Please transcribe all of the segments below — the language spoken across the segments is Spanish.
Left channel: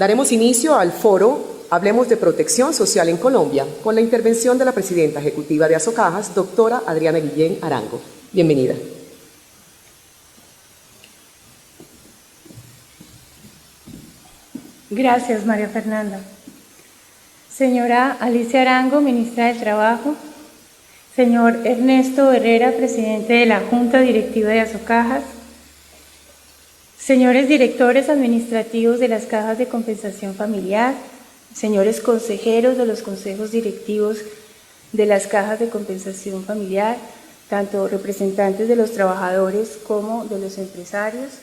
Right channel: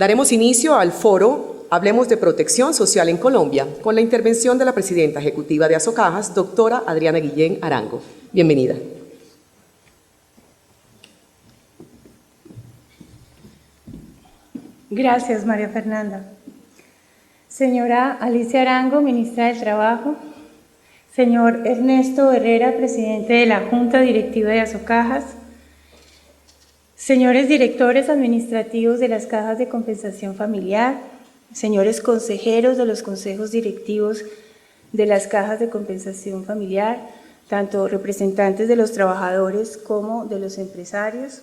Daremos inicio al foro Hablemos de Protección Social en Colombia, con la intervención de la presidenta ejecutiva de Asocajas, doctora Adriana Guillén Arango. Bienvenida. Gracias, María Fernanda. Señora Alicia Arango, ministra del Trabajo. Señor Ernesto Herrera, presidente de la Junta Directiva de Asocajas. Señores directores administrativos de las cajas de compensación familiar. Señores consejeros de los consejos directivos de las cajas de compensación familiar, tanto representantes de los trabajadores como de los empresarios.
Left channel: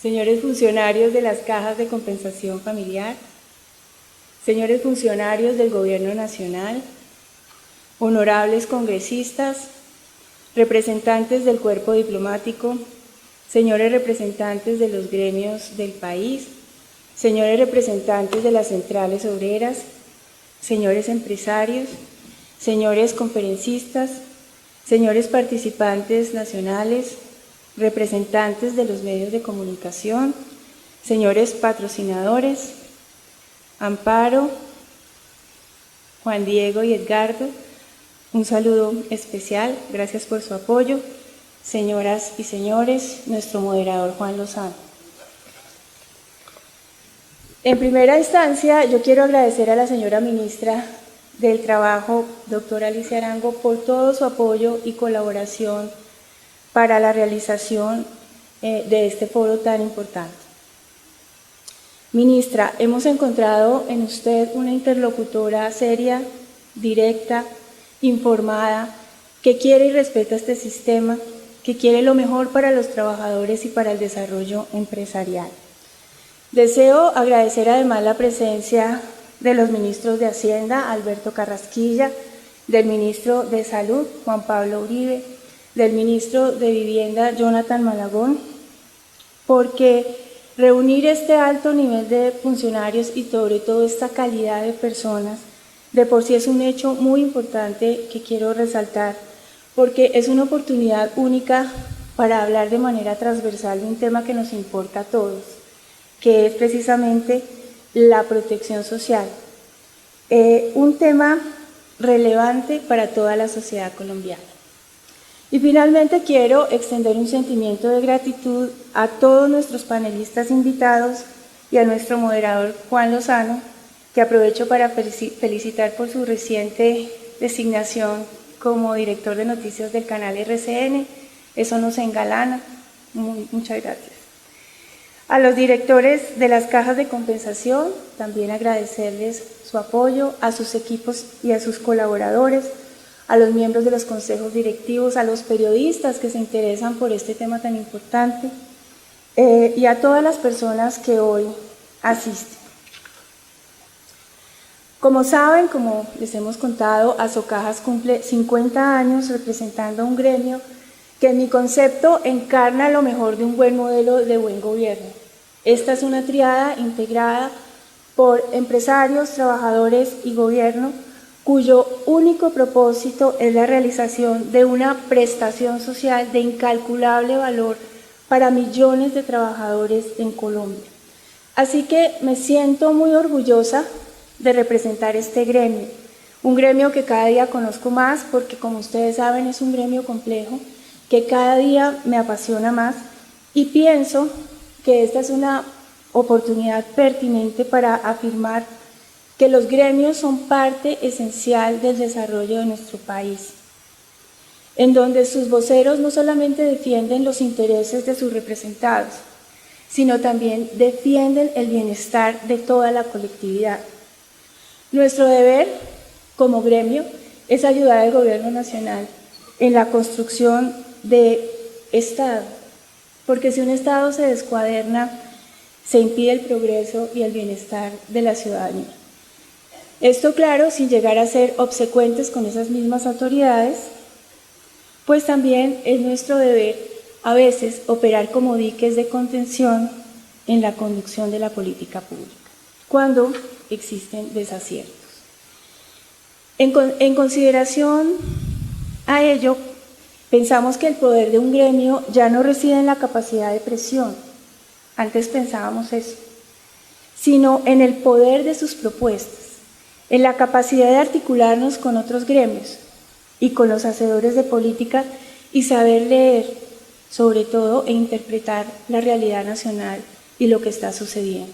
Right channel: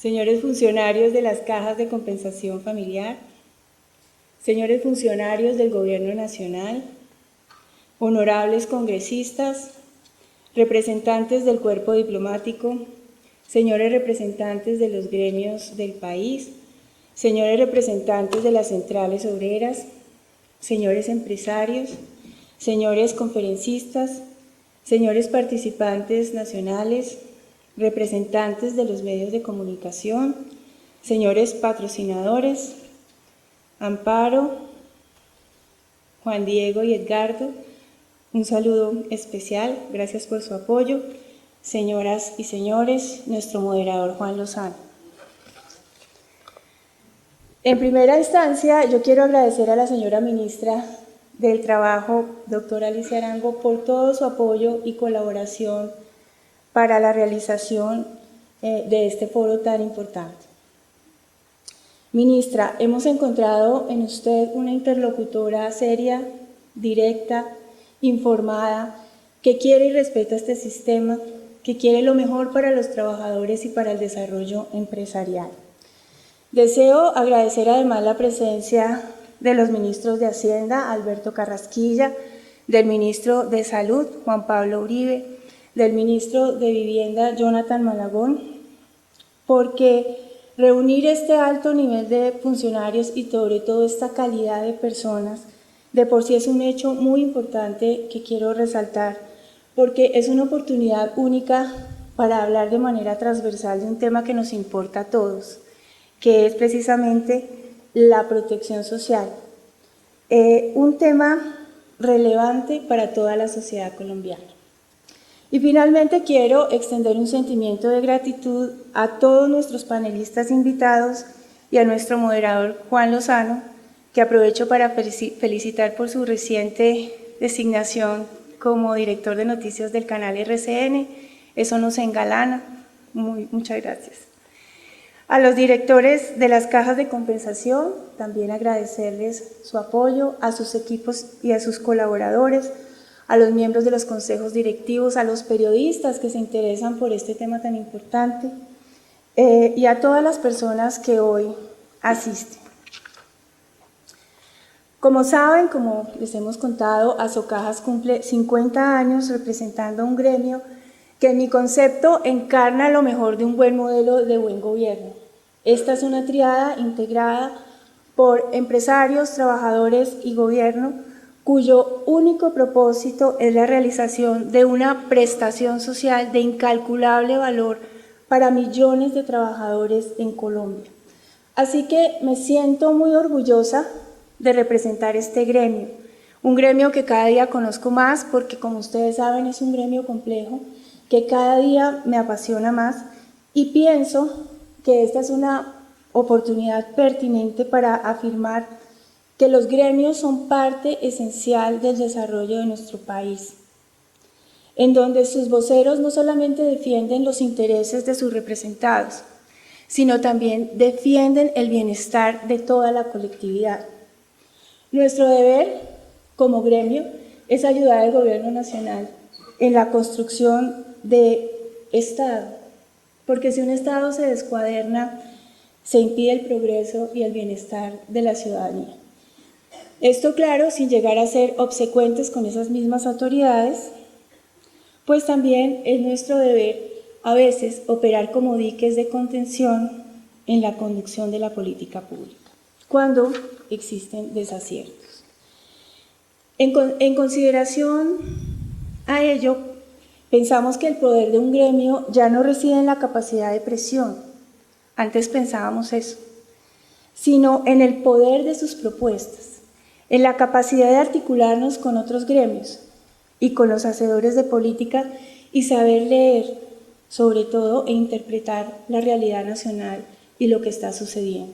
Señores funcionarios de las cajas de compensación familiar, señores funcionarios del Gobierno Nacional, honorables congresistas, representantes del cuerpo diplomático, señores representantes de los gremios del país, señores representantes de las centrales obreras, señores empresarios, señores conferencistas, señores participantes nacionales, representantes de los medios de comunicación, señores patrocinadores, Amparo, Juan Diego y Edgardo, un saludo especial, gracias por su apoyo. Señoras y señores, nuestro moderador Juan Lozano. En primera instancia, yo quiero agradecer a la señora ministra del Trabajo, doctora Alicia Arango, por todo su apoyo y colaboración para la realización de este foro tan importante. Ministra, hemos encontrado en usted una interlocutora seria, directa, informada, que quiere y respeta este sistema, que quiere lo mejor para los trabajadores y para el desarrollo empresarial. Deseo agradecer además la presencia de los ministros de Hacienda, Alberto Carrasquilla, del ministro de Salud, Juan Pablo Uribe, del ministro de Vivienda, Jonathan Malagón, porque reunir este alto nivel de funcionarios y sobre todo esta calidad de personas, de por sí es un hecho muy importante que quiero resaltar, porque es una oportunidad única para hablar de manera transversal de un tema que nos importa a todos, que es precisamente la protección social, un tema relevante para toda la sociedad colombiana. Y finalmente quiero extender un sentimiento de gratitud a todos nuestros panelistas invitados y a nuestro moderador Juan Lozano, que aprovecho para felicitar por su reciente designación como director de noticias del canal RCN. Eso nos engalana. Muchas gracias. A los directores de las cajas de compensación, también agradecerles su apoyo, a sus equipos y a sus colaboradores, a los miembros de los consejos directivos, a los periodistas que se interesan por este tema tan importante y a todas las personas que hoy asisten. Como saben, como les hemos contado, Asocajas cumple 50 años representando a un gremio que en mi concepto encarna lo mejor de un buen modelo de buen gobierno. Esta es una triada integrada por empresarios, trabajadores y gobierno, cuyo único propósito es la realización de una prestación social de incalculable valor para millones de trabajadores en Colombia. Así que me siento muy orgullosa de representar este gremio, un gremio que cada día conozco más porque, como ustedes saben, es un gremio complejo, que cada día me apasiona más y pienso que esta es una oportunidad pertinente para afirmar que los gremios son parte esencial del desarrollo de nuestro país, en donde sus voceros no solamente defienden los intereses de sus representados, sino también defienden el bienestar de toda la colectividad. Nuestro deber como gremio es ayudar al Gobierno Nacional en la construcción de Estado, porque si un Estado se descuaderna, se impide el progreso y el bienestar de la ciudadanía. Esto, claro, sin llegar a ser obsecuentes con esas mismas autoridades, pues también es nuestro deber a veces operar como diques de contención en la conducción de la política pública, cuando existen desaciertos. En consideración a ello, pensamos que el poder de un gremio ya no reside en la capacidad de presión. Antes pensábamos eso, sino en el poder de sus propuestas, en la capacidad de articularnos con otros gremios y con los hacedores de política y saber leer, sobre todo, e interpretar la realidad nacional y lo que está sucediendo.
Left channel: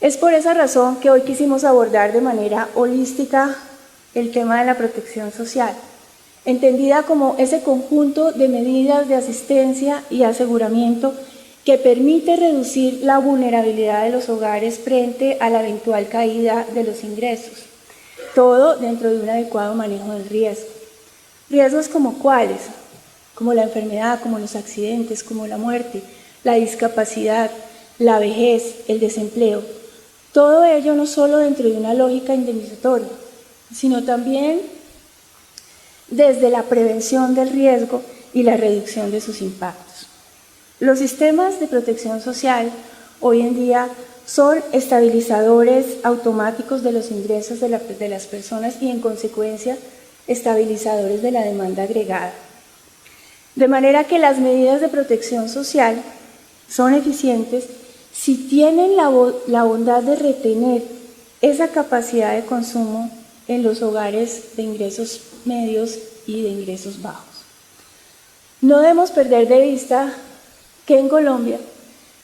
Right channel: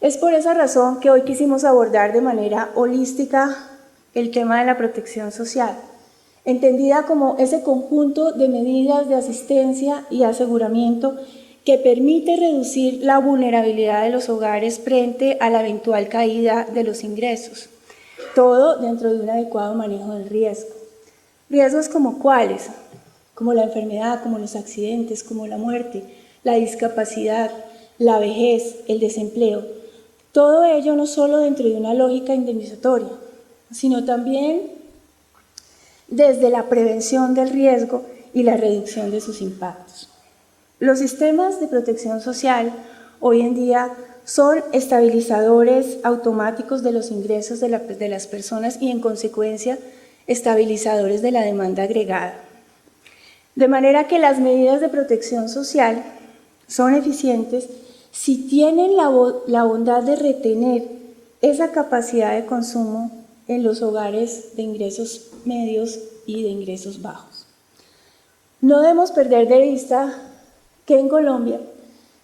Es por esa razón que hoy quisimos abordar de manera holística el tema de la protección social, entendida como ese conjunto de medidas de asistencia y aseguramiento que permite reducir la vulnerabilidad de los hogares frente a la eventual caída de los ingresos, todo dentro de un adecuado manejo del riesgo. ¿Riesgos como cuáles? Como la enfermedad, como los accidentes, como la muerte, la discapacidad, la vejez, el desempleo. Todo ello no solo dentro de una lógica indemnizatoria, sino también desde la prevención del riesgo y la reducción de sus impactos. Los sistemas de protección social hoy en día son estabilizadores automáticos de los ingresos de las personas y, en consecuencia, estabilizadores de la demanda agregada. De manera que las medidas de protección social son eficientes si tienen la bondad de retener esa capacidad de consumo en los hogares de ingresos medios y de ingresos bajos. No debemos perder de vista que en Colombia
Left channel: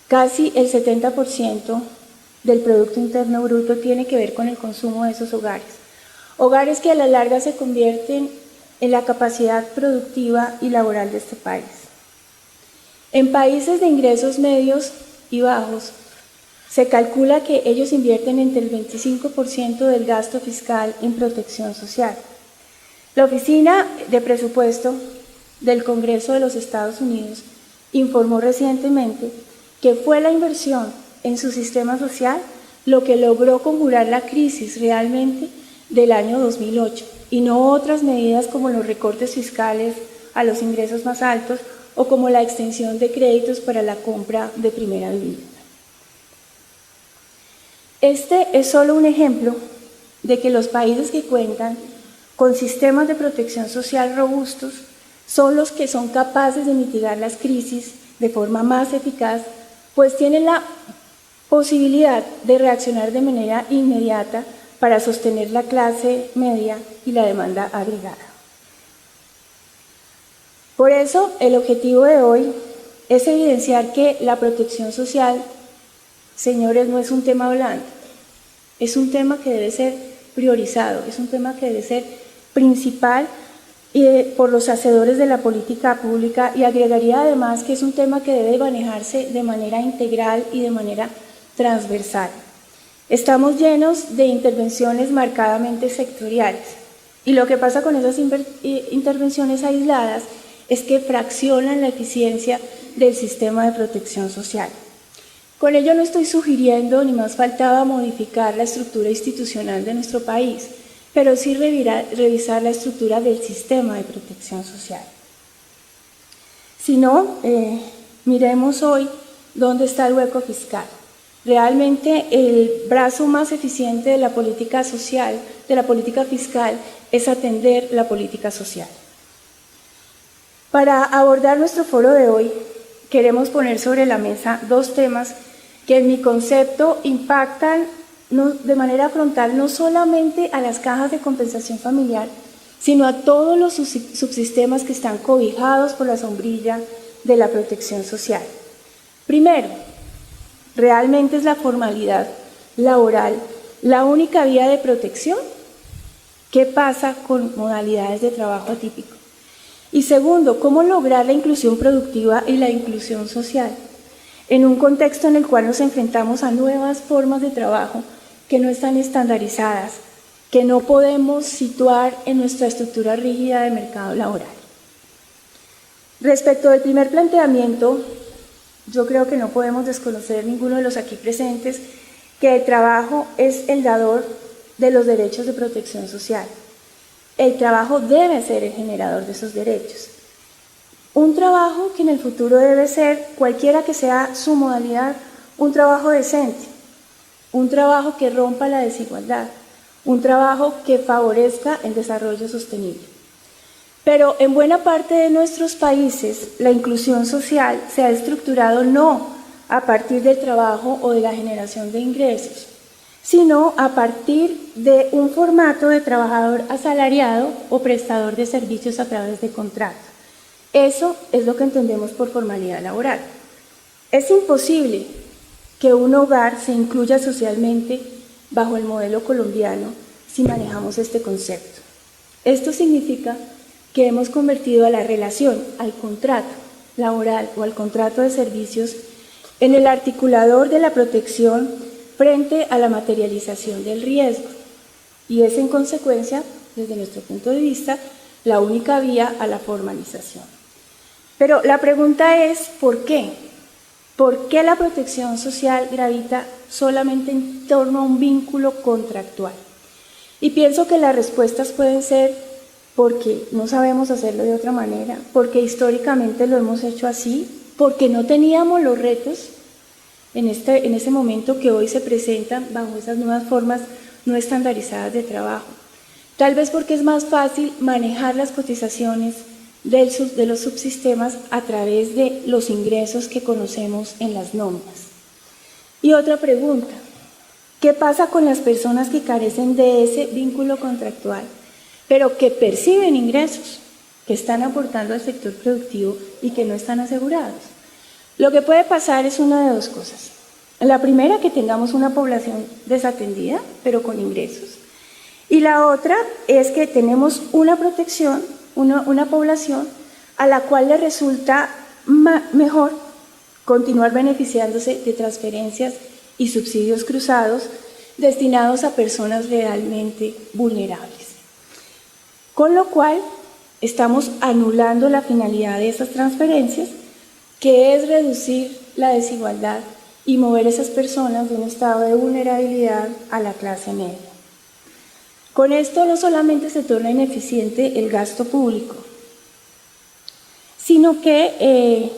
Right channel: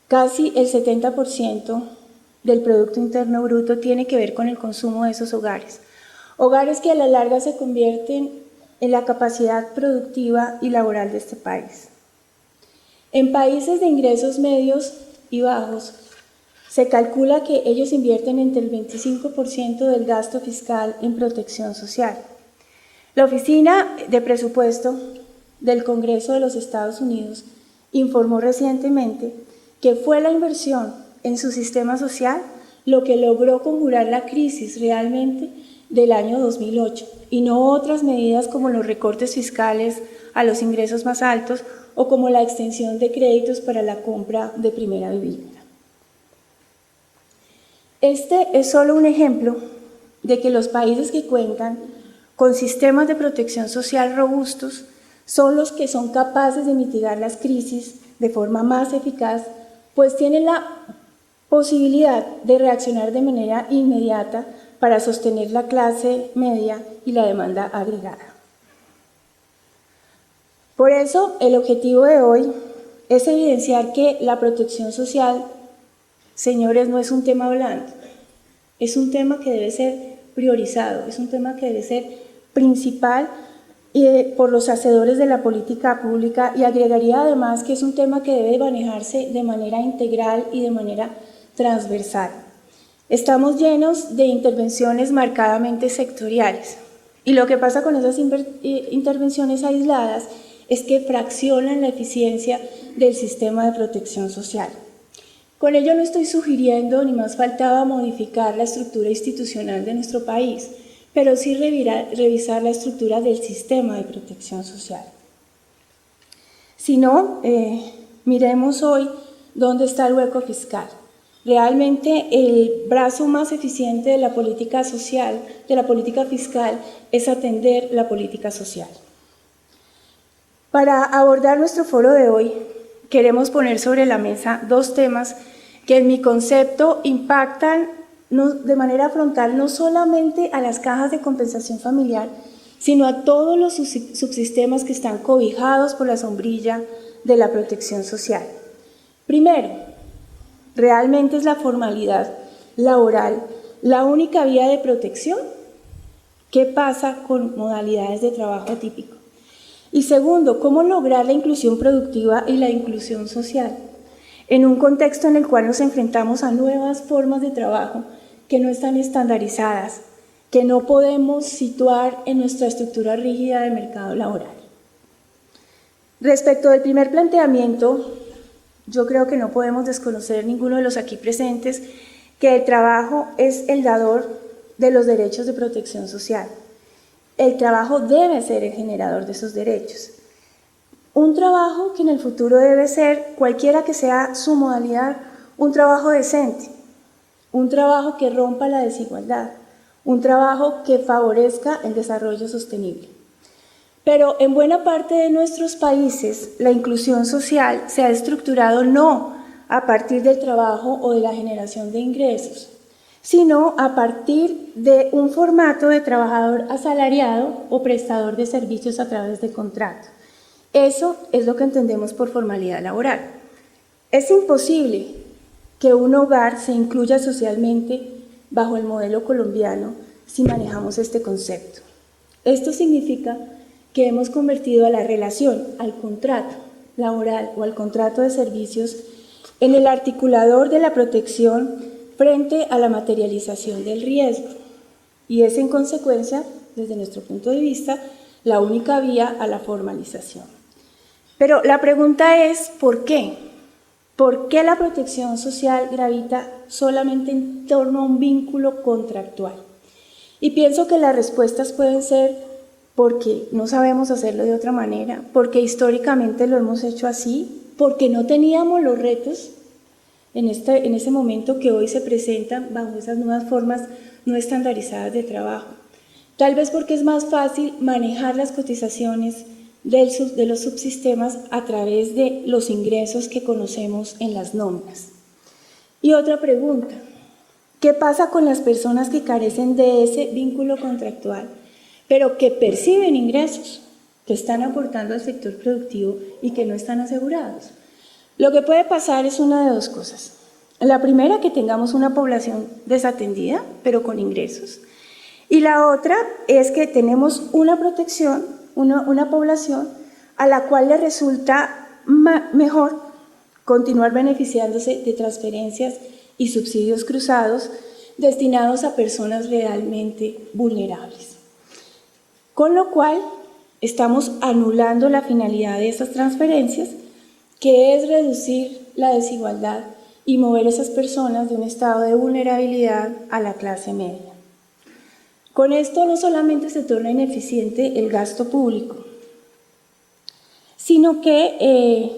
casi el 70% del Producto Interno Bruto tiene que ver con el consumo de esos hogares. Hogares que a la larga se convierten en la capacidad productiva y laboral de este país. En países de ingresos medios y bajos, se calcula que ellos invierten entre el 25% del gasto fiscal en protección social. La Oficina de Presupuesto del Congreso de los Estados Unidos informó recientemente que fue la inversión en su sistema social lo que logró conjurar la crisis realmente del año 2008 y no otras medidas como los recortes fiscales a los ingresos más altos o como la extensión de créditos para la compra de primera vivienda. Este es solo un ejemplo de que los países que cuentan con sistemas de protección social robustos son los que son capaces de mitigar las crisis de forma más eficaz, pues tienen la posibilidad de reaccionar de manera inmediata para sostener la clase media y la demanda agregada. Por eso, el objetivo de hoy es evidenciar que la protección social, señores, no es un tema blando, es un tema que debe ser priorizado, es un tema que debe ser principal por los hacedores de la política pública, y agregaría además que es un tema que debe manejarse de manera integral y de manera transversal. Estamos llenos de intervenciones marcadamente sectoriales y lo que pasa con esas intervenciones aisladas es que fraccionan la eficiencia del sistema de protección social. Con ello no estoy sugiriendo, ni más faltaba, modificar la estructura institucional de nuestro país, pero sí revisar la estructura del sistema de protección social. Si no, miremos hoy dónde está el hueco fiscal. Realmente el brazo más eficiente de la política social, de la política fiscal, es atender la política social. Para abordar nuestro foro de hoy, queremos poner sobre la mesa dos temas que en mi concepto impactan de manera frontal no solamente a las cajas de compensación familiar, sino a todos los subsistemas que están cobijados por la sombrilla de la protección social. Primero, ¿realmente es la formalidad laboral la única vía de protección? ¿Qué pasa con modalidades de trabajo atípico? Y segundo, ¿cómo lograr la inclusión productiva y la inclusión social en un contexto en el cual nos enfrentamos a nuevas formas de trabajo que no están estandarizadas, que no podemos situar en nuestra estructura rígida de mercado laboral? Respecto del primer planteamiento, yo creo que no podemos desconocer ninguno de los aquí presentes que el trabajo es el dador de los derechos de protección social. El trabajo debe ser el generador de esos derechos. Un trabajo que en el futuro debe ser, cualquiera que sea su modalidad, un trabajo decente, un trabajo que rompa la desigualdad, un trabajo que favorezca el desarrollo sostenible. Pero en buena parte de nuestros países, la inclusión social se ha estructurado no a partir del trabajo o de la generación de ingresos, sino a partir de un formato de trabajador asalariado o prestador de servicios a través de contrato. Eso es lo que entendemos por formalidad laboral. Es imposible que un hogar se incluya socialmente bajo el modelo colombiano si manejamos este concepto. Esto significa que hemos convertido a la relación, al contrato laboral o al contrato de servicios en el articulador de la protección frente a la materialización del riesgo, y es en consecuencia, desde nuestro punto de vista, la única vía a la formalización. Pero la pregunta es, ¿por qué? ¿Por qué la protección social gravita solamente en torno a un vínculo contractual? Y pienso que las respuestas pueden ser porque no sabemos hacerlo de otra manera, porque históricamente lo hemos hecho así, porque no teníamos los retos en ese momento que hoy se presentan bajo esas nuevas formas no estandarizadas de trabajo. Tal vez porque es más fácil manejar las cotizaciones de los subsistemas a través de los ingresos que conocemos en las nóminas. Y otra pregunta, ¿qué pasa con las personas que carecen de ese vínculo contractual, pero que perciben ingresos, que están aportando al sector productivo y que no están asegurados? Lo que puede pasar es una de dos cosas. La primera, que tengamos una población desatendida, pero con ingresos. Y la otra es que tenemos una protección, una población a la cual le resulta mejor continuar beneficiándose de transferencias y subsidios cruzados destinados a personas realmente vulnerables. Con lo cual, estamos anulando la finalidad de estas transferencias, que es reducir la desigualdad y mover esas personas de un estado de vulnerabilidad a la clase media. Con esto no solamente se torna ineficiente el gasto público, sino que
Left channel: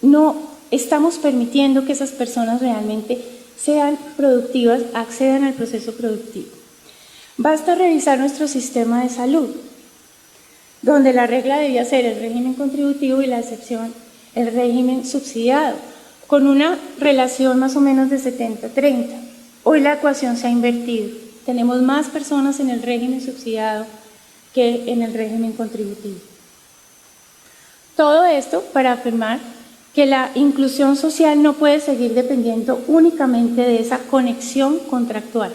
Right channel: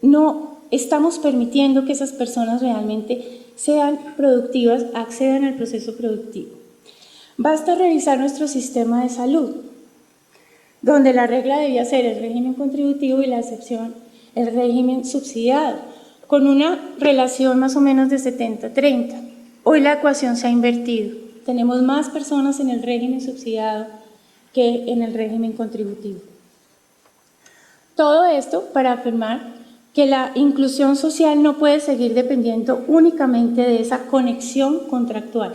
no estamos permitiendo que esas personas realmente sean productivas, accedan al proceso productivo. Basta revisar nuestro sistema de salud, donde la regla debía ser el régimen contributivo y la excepción el régimen subsidiado, con una relación más o menos de 70-30. Hoy la ecuación se ha invertido. Tenemos más personas en el régimen subsidiado que en el régimen contributivo. Todo esto para afirmar que la inclusión social no puede seguir dependiendo únicamente de esa conexión contractual.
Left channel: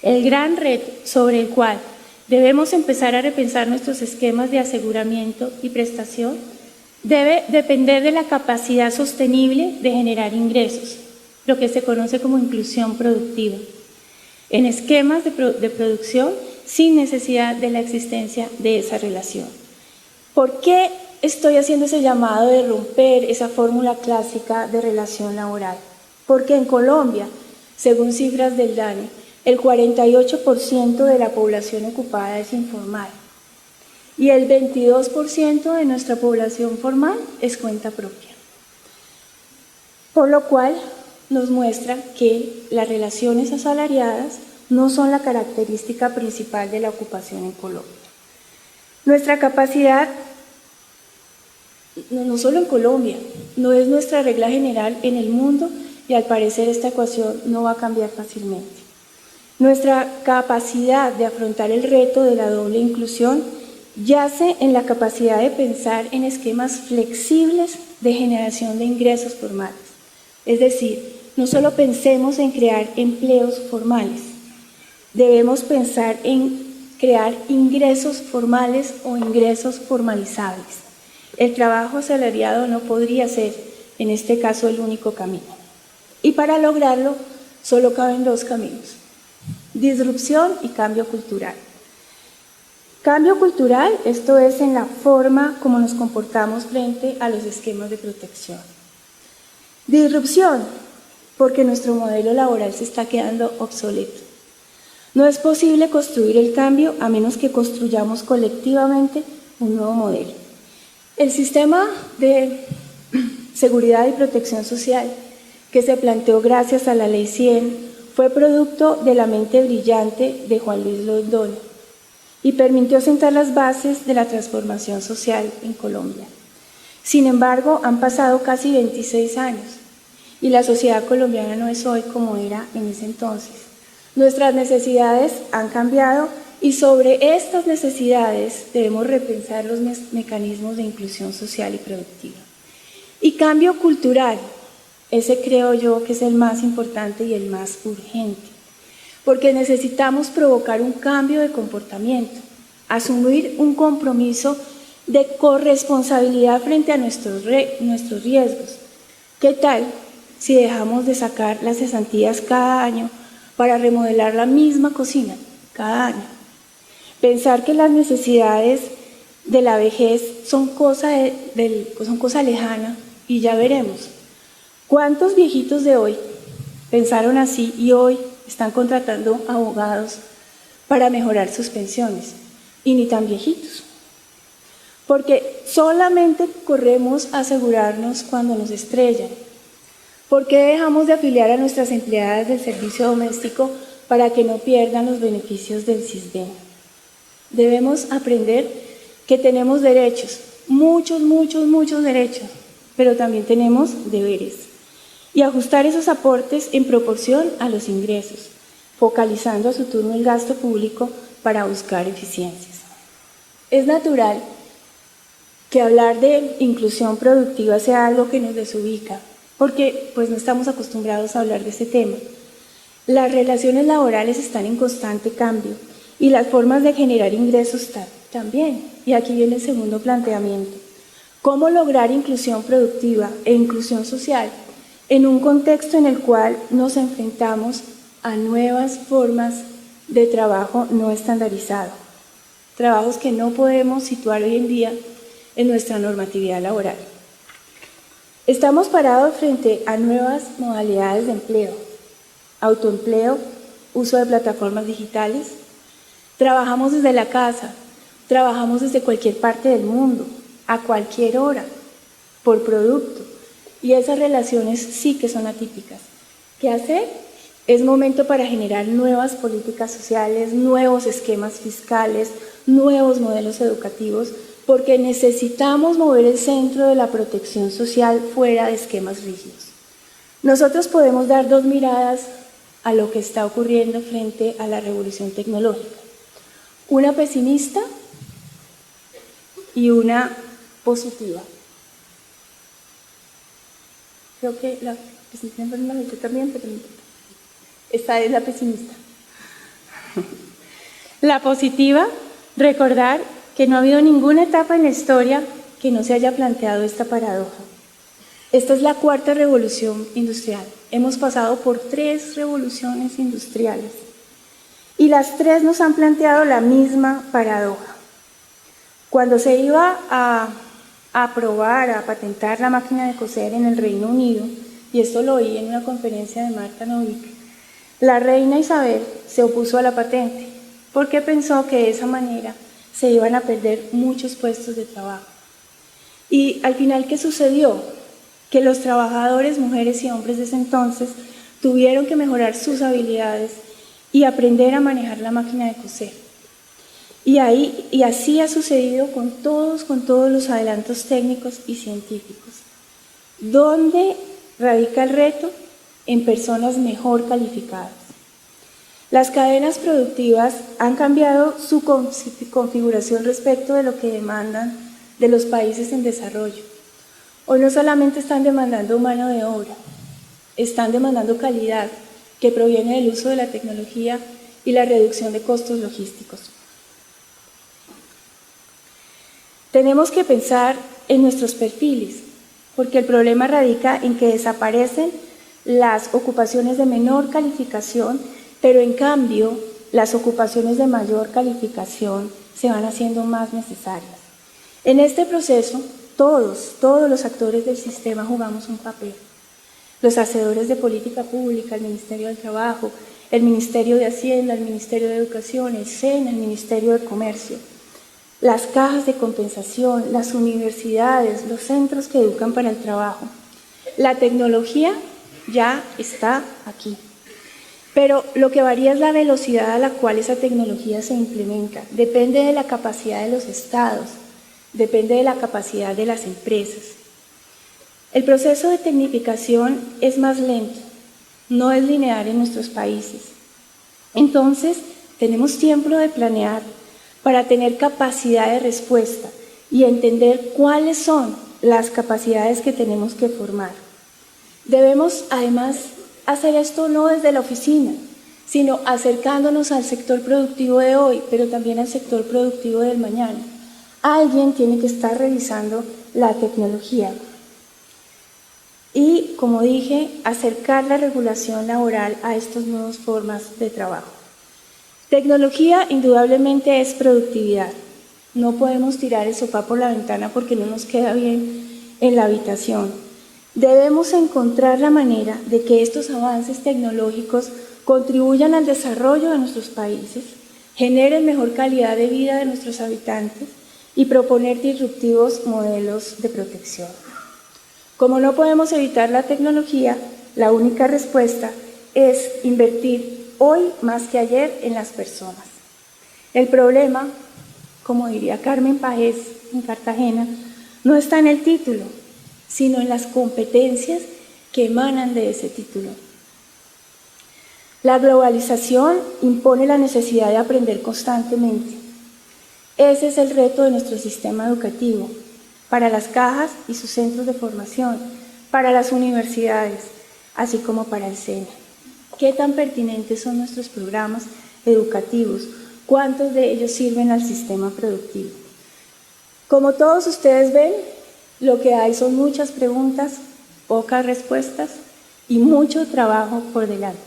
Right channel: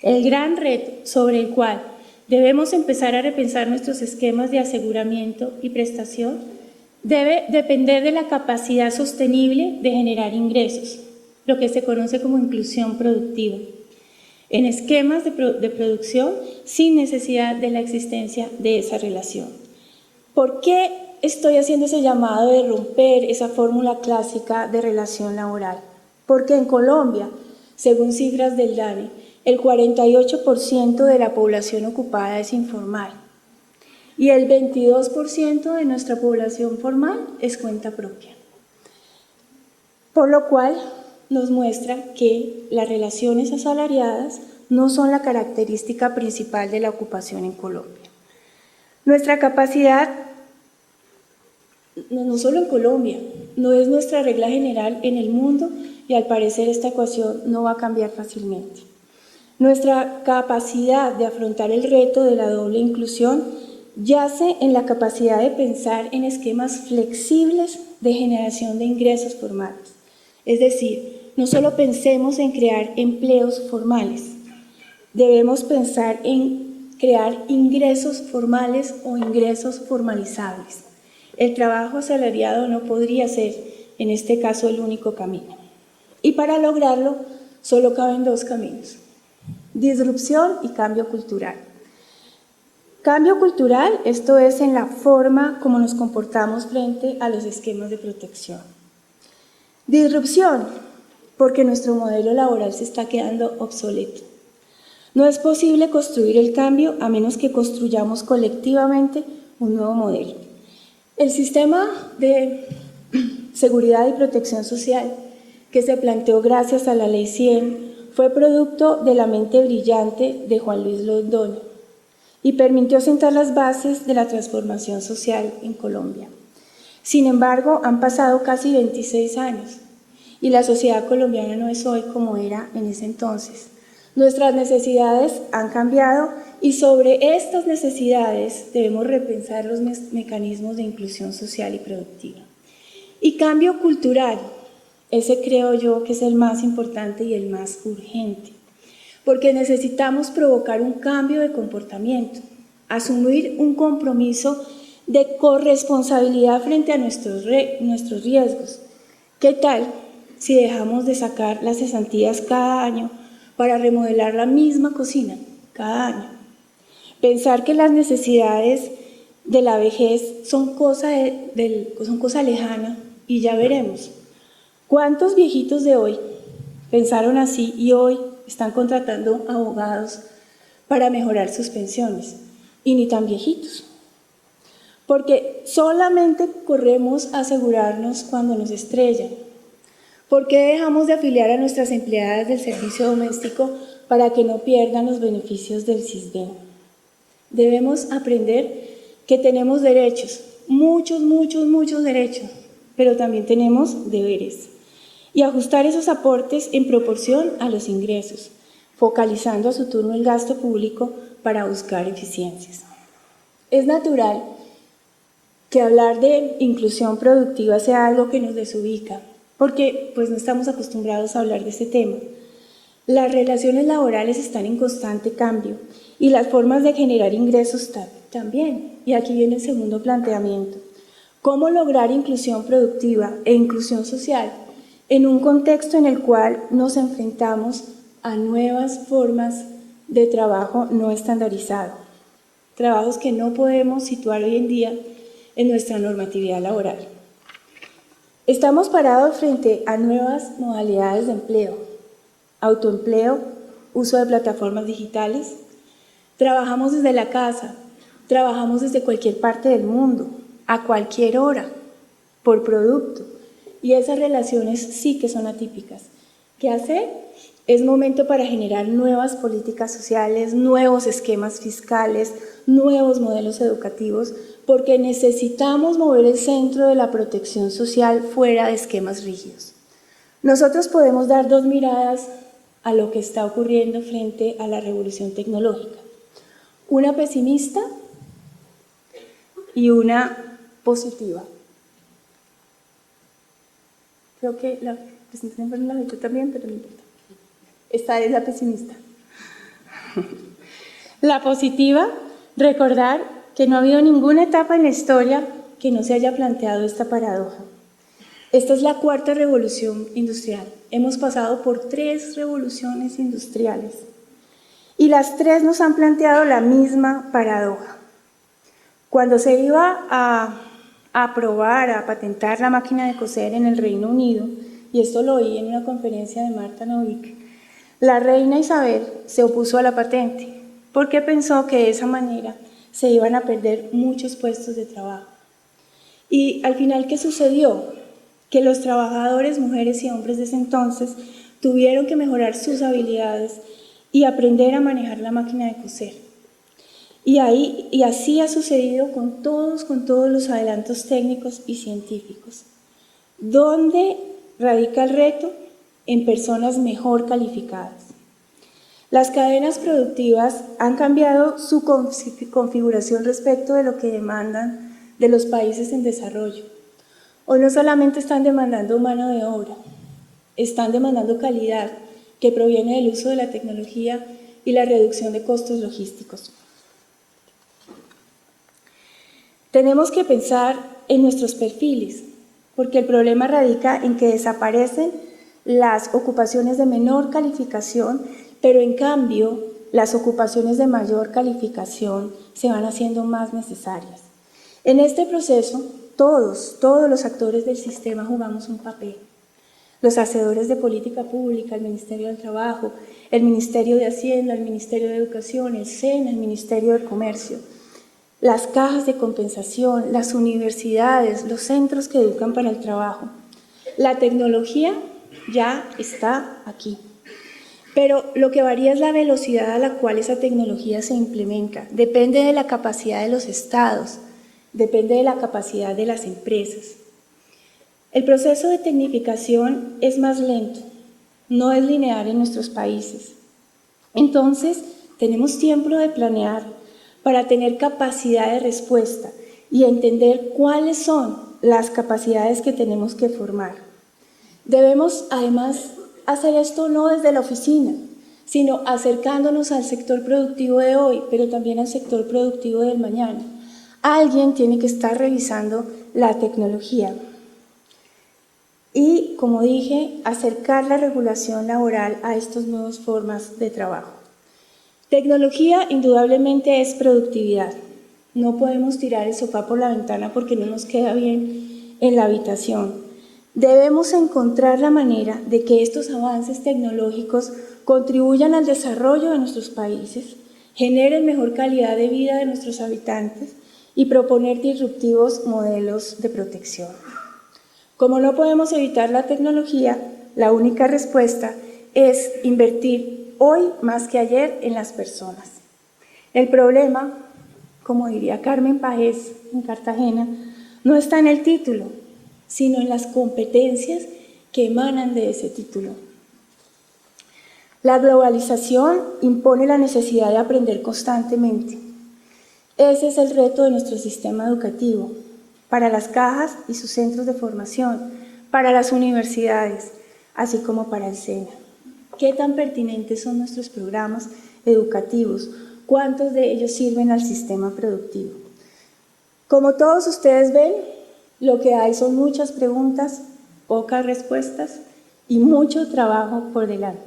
El gran reto sobre el cual debemos empezar a repensar nuestros esquemas de aseguramiento y prestación debe depender de la capacidad sostenible de generar ingresos, lo que se conoce como inclusión productiva, en esquemas de producción sin necesidad de la existencia de esa relación. ¿Por qué estoy haciendo ese llamado de romper esa fórmula clásica de relación laboral? Porque en Colombia, según cifras del DANE, el 48% de la población ocupada es informal y el 22% de nuestra población formal es cuenta propia. Por lo cual nos muestra que las relaciones asalariadas no son la característica principal de la ocupación en Colombia. Nuestra capacidad, no solo en Colombia, no es nuestra regla general en el mundo y al parecer esta ecuación no va a cambiar fácilmente. Nuestra capacidad de afrontar el reto de la doble inclusión yace en la capacidad de pensar en esquemas flexibles de generación de ingresos formales. Es decir, no solo pensemos en crear empleos formales, debemos pensar en crear ingresos formales o ingresos formalizables. El trabajo asalariado no podría ser, en este caso, el único camino. Y para lograrlo, solo caben dos caminos: disrupción y cambio cultural. Cambio cultural, esto es en la forma como nos comportamos frente a los esquemas de protección. Disrupción, porque nuestro modelo laboral se está quedando obsoleto. No es posible construir el cambio a menos que construyamos colectivamente un nuevo modelo. El sistema de seguridad y protección social que se planteó gracias a la Ley 100 fue producto de la mente brillante de Juan Luis Londoño y permitió sentar las bases de la transformación social en Colombia. Sin embargo, han pasado casi 26 años y la sociedad colombiana no es hoy como era en ese entonces. Nuestras necesidades han cambiado y sobre estas necesidades debemos repensar los mecanismos de inclusión social y productiva. Y cambio cultural, ese creo yo que es el más importante y el más urgente, porque necesitamos provocar un cambio de comportamiento, asumir un compromiso de corresponsabilidad frente a nuestros riesgos. ¿Qué tal si dejamos de sacar las cesantías cada año para remodelar la misma cocina cada año? Pensar que las necesidades de la vejez son cosa lejana y ya veremos. ¿Cuántos viejitos de hoy pensaron así y hoy están contratando abogados para mejorar sus pensiones? Y ni tan viejitos. Porque solamente corremos a asegurarnos cuando nos estrellan. ¿Por qué dejamos de afiliar a nuestras empleadas del servicio doméstico para que no pierdan los beneficios del Sisbén? Debemos aprender que tenemos derechos, muchos derechos, pero también tenemos deberes. Y ajustar esos aportes en proporción a los ingresos, focalizando a su turno el gasto público para buscar eficiencias. Es natural que hablar de inclusión productiva sea algo que nos desubica, porque pues no estamos acostumbrados a hablar de ese tema. Las relaciones laborales están en constante cambio y las formas de generar ingresos también. Y aquí viene el segundo planteamiento. ¿Cómo lograr inclusión productiva e inclusión social en un contexto en el cual nos enfrentamos a nuevas formas de trabajo no estandarizado? Trabajos que no podemos situar hoy en día en nuestra normatividad laboral. Estamos parados frente a nuevas modalidades de empleo, autoempleo, uso de plataformas digitales. Trabajamos desde la casa, trabajamos desde cualquier parte del mundo, a cualquier hora, por producto. Y esas relaciones sí que son atípicas. ¿Qué hacer? Es momento para generar nuevas políticas sociales, nuevos esquemas fiscales, nuevos modelos educativos, porque necesitamos mover el centro de la protección social fuera de esquemas rígidos. Nosotros podemos dar dos miradas a lo que está ocurriendo frente a la revolución tecnológica. Una pesimista y una positiva. Creo que la pesimista no la he dicho también, pero no importa. Esta es la pesimista. La positiva, recordar que no ha habido ninguna etapa en la historia que no se haya planteado esta paradoja. Esta es la cuarta revolución industrial. Hemos pasado por 3 revoluciones industriales y las 3 nos han planteado la misma paradoja. Cuando se iba a aprobar, a patentar la máquina de coser en el Reino Unido, y esto lo oí en una conferencia de Marta Novick, la reina Isabel se opuso a la patente porque pensó que de esa manera se iban a perder muchos puestos de trabajo. Y al final, ¿qué sucedió? Que los trabajadores, mujeres y hombres de ese entonces, tuvieron que mejorar sus habilidades y aprender a manejar la máquina de coser. Y así ha sucedido con todos los adelantos técnicos y científicos. ¿Dónde radica el reto? En personas mejor calificadas. Las cadenas productivas han cambiado su configuración respecto de lo que demandan de los países en desarrollo. Hoy no solamente están demandando mano de obra, están demandando calidad que proviene del uso de la tecnología y la reducción de costos logísticos. Tenemos que pensar en nuestros perfiles, porque el problema radica en que desaparecen las ocupaciones de menor calificación, pero en cambio las ocupaciones de mayor calificación se van haciendo más necesarias. En este proceso, todos los actores del sistema jugamos un papel. Los hacedores de política pública, el Ministerio del Trabajo, el Ministerio de Hacienda, el Ministerio de Educación, el SENA, el Ministerio de Comercio, las cajas de compensación, las universidades, los centros que educan para el trabajo. La tecnología ya está aquí, pero lo que varía es la velocidad a la cual esa tecnología se implementa. Depende de la capacidad de los estados, depende de la capacidad de las empresas. El proceso de tecnificación es más lento, no es lineal en nuestros países. Entonces, tenemos tiempo de planear para tener capacidad de respuesta y entender cuáles son las capacidades que tenemos que formar. Debemos, además, hacer esto no desde la oficina, sino acercándonos al sector productivo de hoy, pero también al sector productivo del mañana. Alguien tiene que estar revisando la tecnología. Y, como dije, acercar la regulación laboral a estas nuevas formas de trabajo. Tecnología indudablemente es productividad. No podemos tirar el sofá por la ventana porque no nos queda bien en la habitación. Debemos encontrar la manera de que estos avances tecnológicos contribuyan al desarrollo de nuestros países, generen mejor calidad de vida de nuestros habitantes y proponer disruptivos modelos de protección. Como no podemos evitar la tecnología, la única respuesta es invertir hoy más que ayer en las personas. El problema, como diría Carmen Pajés en Cartagena, no está en el título, sino en las competencias que emanan de ese título. La globalización impone la necesidad de aprender constantemente. Ese es el reto de nuestro sistema educativo, para las cajas y sus centros de formación, para las universidades, así como para el SENA. ¿Qué tan pertinentes son nuestros programas educativos? ¿Cuántos de ellos sirven al sistema productivo? Como todos ustedes ven, lo que hay son muchas preguntas, pocas respuestas y mucho trabajo por delante.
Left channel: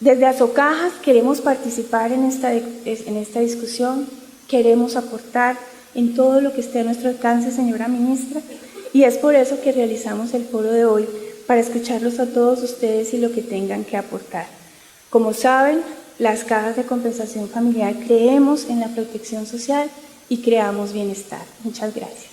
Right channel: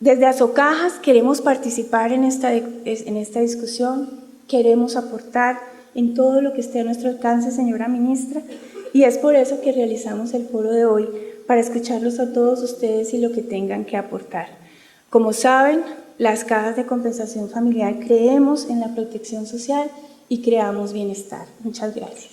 Desde Asocajas queremos participar en esta discusión, queremos aportar en todo lo que esté a nuestro alcance, señora ministra, y es por eso que realizamos el foro de hoy, para escucharlos a todos ustedes y lo que tengan que aportar. Como saben, las cajas de compensación familiar creemos en la protección social y creamos bienestar. Muchas gracias.